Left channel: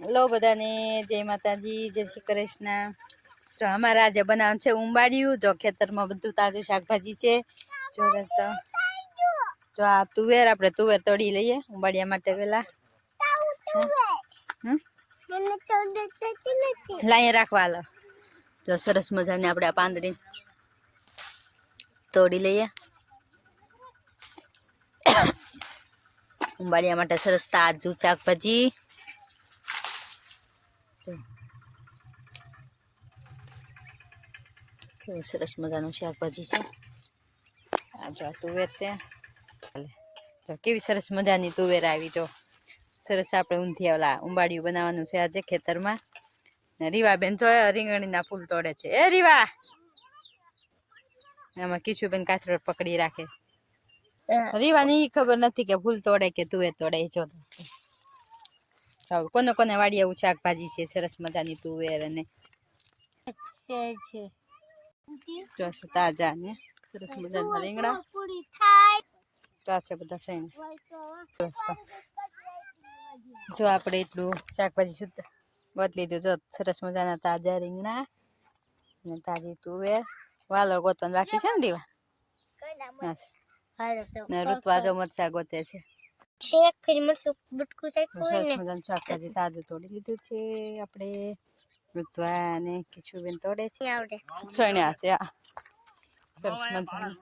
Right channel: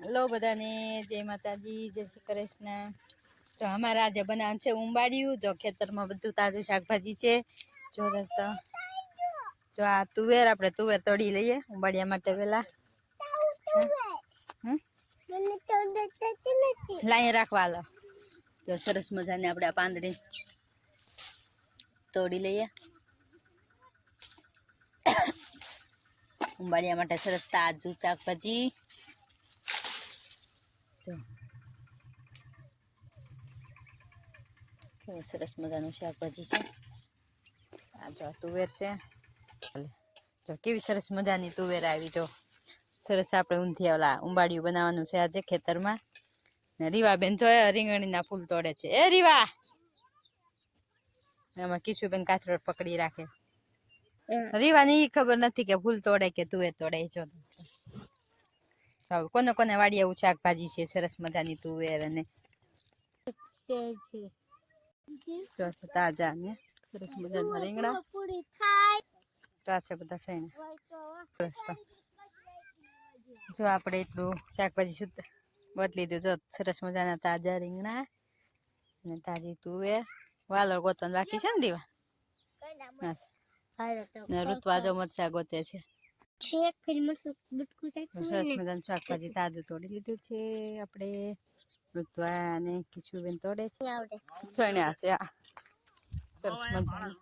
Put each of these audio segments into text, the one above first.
Hello બધાને, જય માતાજી, જય શ્રી કૃષ્ણ. તો અમારા આજે બનાવવાનું છે ઉંબાડિયું, જો ખેતરમાં બધું તાજું શાકભાજી છે. જો જો આ તુવેર, આપણે તુવેર તોડી લઈએ ઉંબાડિયા માટે પેલા હમ? લાઈ રાખવા લો જો સરસ મજાની આપણે આ પાંદડી તોડી લઈએ. ઉંબાડિયા માટે સરસ તાજું શાકભાજી. કેવું સરસ મજાનું શાકભાજી છે. આ જો તુવેર છે. કેવી સરસ મજાની તુવેર આવી જો. સરસ આપણે ઊંધિયા ઓલા ઉંબાડિયું બનાવવાનું છે આજે ખેતરમાં. ને રીવાબેન જો રીંગણીના ફૂલ તોડે છે. એ રીવા! એમાં કિશુબેન કાથરોડ પકડી રાખે. રીવાની એ ખબર નથી કે ફૂલ તોડે કે તુવેર તોડે જો. ચાલો, કોને કોને વાડી એવું શાકભાજી છે, સરસ મજાની તુવેર અને જો છે તાજા ને સરસ મજાના રીંગણા. કાચા બધા સૈણા જો આપણે એટલું શાકભાજી શુદ્ધ ગોત લીધું જો સરસ મજાના તાજા રીંગણા ને તાજી તુવેર વાલર ગોતવાનું બાકી છે ને દીવા. ને ઋતુઆ જો મરચા ગોતે છે. શેક ફિર મરચું બટકું ચાખ્યું ને મજાનું શાકભાજી તાજું તોડી લીધું છે આપણે ઋતુઆ ને કિશુબેન તોડે છે. આવડે. સણ્યા છે આ સરસ મજાનું.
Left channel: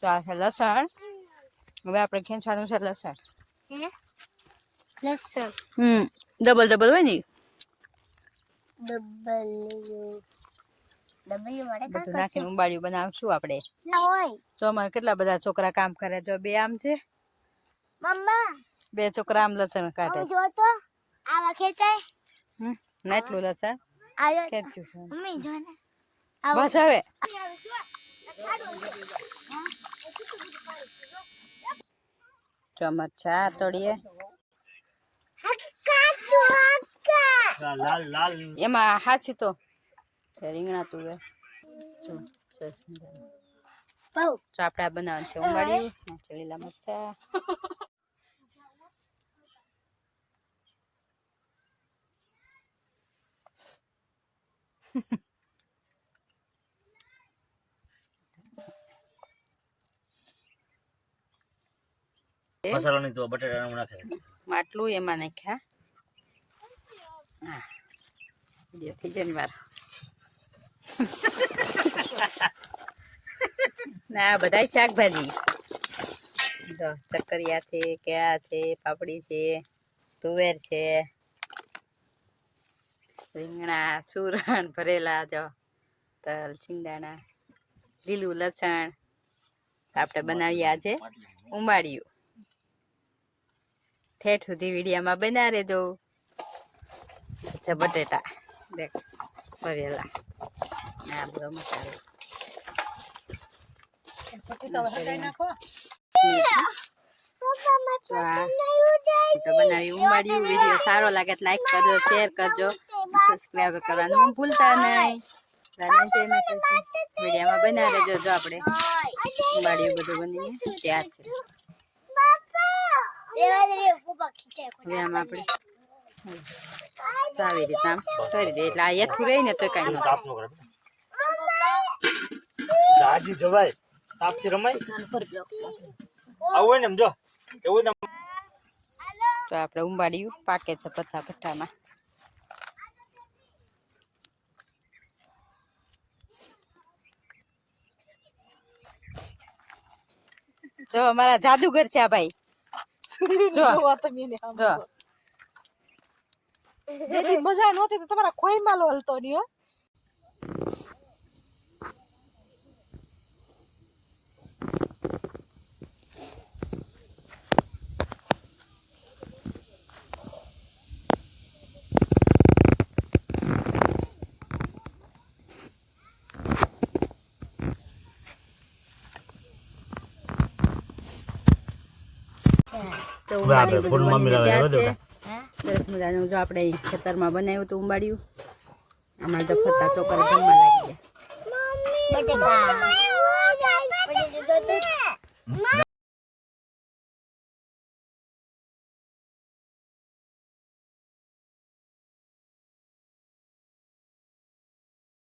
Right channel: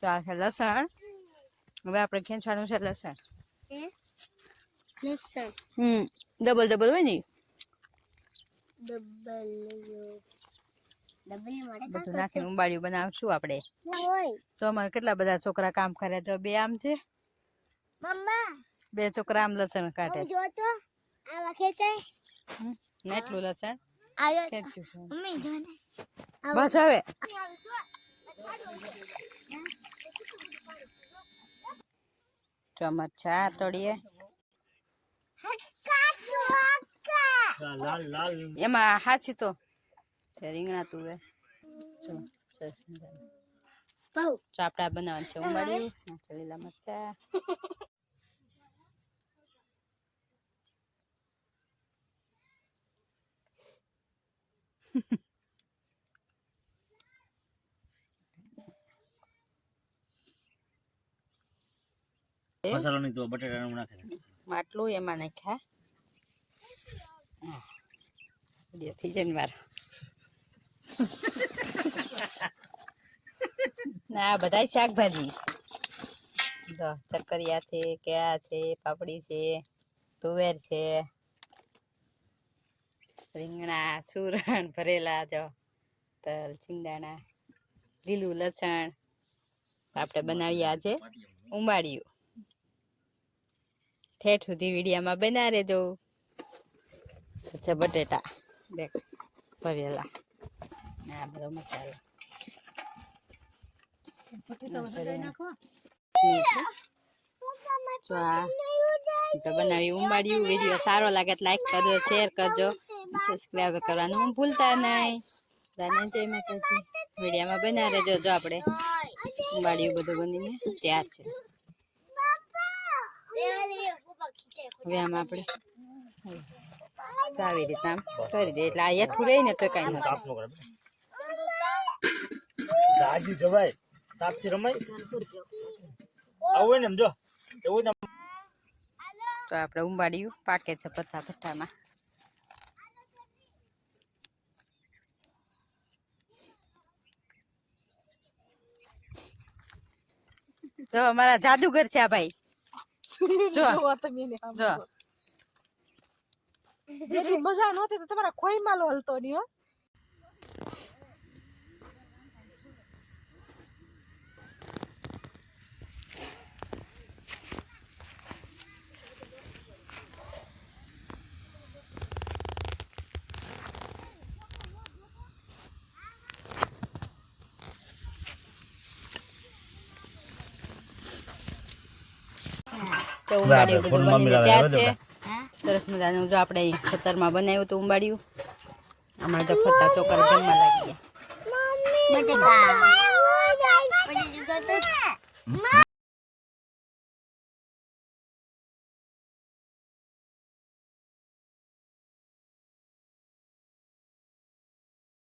ચાર છે લસણ. હવે આપણે ખેંચવાનું છે લસણ. લસણ. હમ ડબલ ડબલ હોય ને ડબલ બધું નાખીને ઉંબાડિયું બનાવશું આપણે. તો અમારે કેટલા બધા છોકરા કામ કરે? જો બે આમ છે. બે છોકરા આમ લસણ કાઢે છે. જો તો આવા ખેંચાય. હમ. ને એટલું લસણ ખેંચ્યું છે. મમ્મી જો ને. બસ હવે. લાલ લાલ. એમાં હાચી તો. તે રીંગણા તુવે જો સરસ મજાનું. બહુ તો આપણે આ બનાવવાનું છે ઉંબાડિયું નાખી લીલા મરચા મસાલો નહીં તો બટાટા નાખે માટલું એમાં નાખ્યા હા વીડિયો થઈ જાય ને મારો ના બધા શાકભાજી. જો ચક્કરિયા છે, કેળા છે, પાપડી છે, તુવેર છે, રીંગણા સુરણ ભરેલા, જો, તલ સિંગાણા લીલું લસણ આપણે બનાવીએ આજે ઉમાળ્યું ઠેઠ સુધી વિડીયામાં બનાવે અચ્છા, બટેટા, દેખ, ભરેલા. આ બધો મસાલો બનાવી સારો લાગે લાઈક કરજો. શેર કરજો સબસ્ક્રાઈબ કરવાનું ભૂલતા નહીં વિડીયામાં બના રહેજો જો આપણે ઉંબાડિયું બધું બનીને તૈયાર છે આપણે આવી રીતે આમ કરી દઈએ એટલે આ એકઠું રહી ને તો કાંઈ હાજી જવાય તાપથી રમાય? આવું હોય ને સમજો એવું ને તો આપણે ઉંબાડિયું પાકે છે પથ્થા ભઠ્ઠામાં. જો અમારા જાદુગર છે આ ભાઈ. જો જો મજા નહોતી તો તમારા ખોઈ માલો હલતો નહીં તો ઉંબાડિયું બધું બની હવે છે સરસ મજાનું જો આપણે અહીં ખેતરમાં બનાવ્યું હતું ઉંબાડિયું અમારે તો ફરતા છોકરા જમવા લાગી ગયા